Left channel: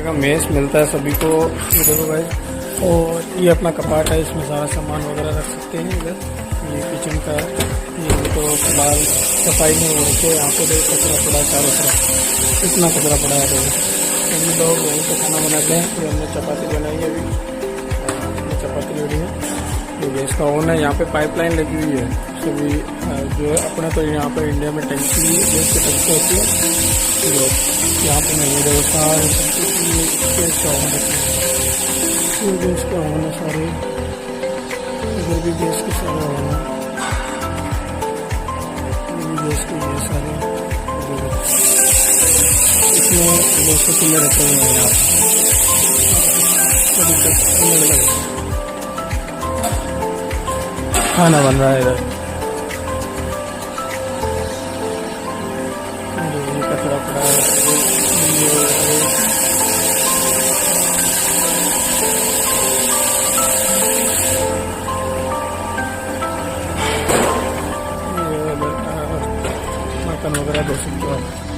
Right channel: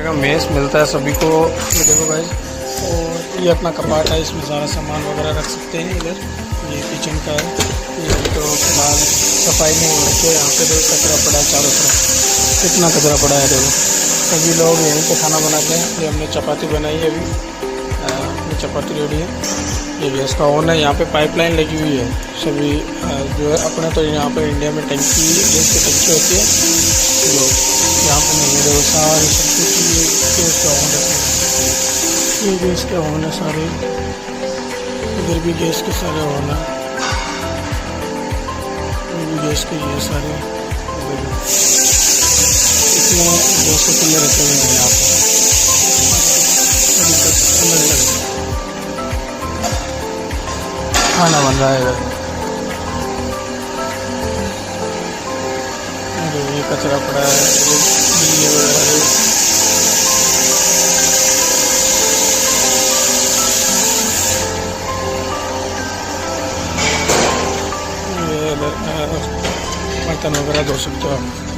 तरीके का मेस मिलता है सभी को। ये देखो भाई, और ये अपना कपाट है, इसमें सारा सामान वगैरह रख सकते हैं। इधर ये किचन का है, ये तो फिलहाल सफाई में हो रखे। यहाँ पे देखो कचरा पड़ा है चारों तरफ, कितना कचरा पड़ा है। देखो सभी लोग यहीं पे खाना बनाते हैं। ये हमने चपाती बनाई है अभी, अपनी चपाती रेडी है। ये गैस का ओवन है, यहाँ पे पाइपलाइन लगी हुई है सभी। जो है अपने तो यहाँ पर इंडिया में टंकी, गैस की टंकी होती है, लोग यहाँ पर नहीं है। देखो सारे सब कुछ ये गैस का ओवन रखे हैं, ये गैस के ओवन है सारे। इधर भी गैस के सारे ओवन है, गैस के ये सारे। देखो इसमें गैस के चूल्हे रखे हुए हैं यहाँ पर, अलग अलग खाना बन रहा है इधर। और ये कचरा पड़ा है, ये बिल्ली वगैरह। ये बर्तन वगैरह धो सकते हो आप।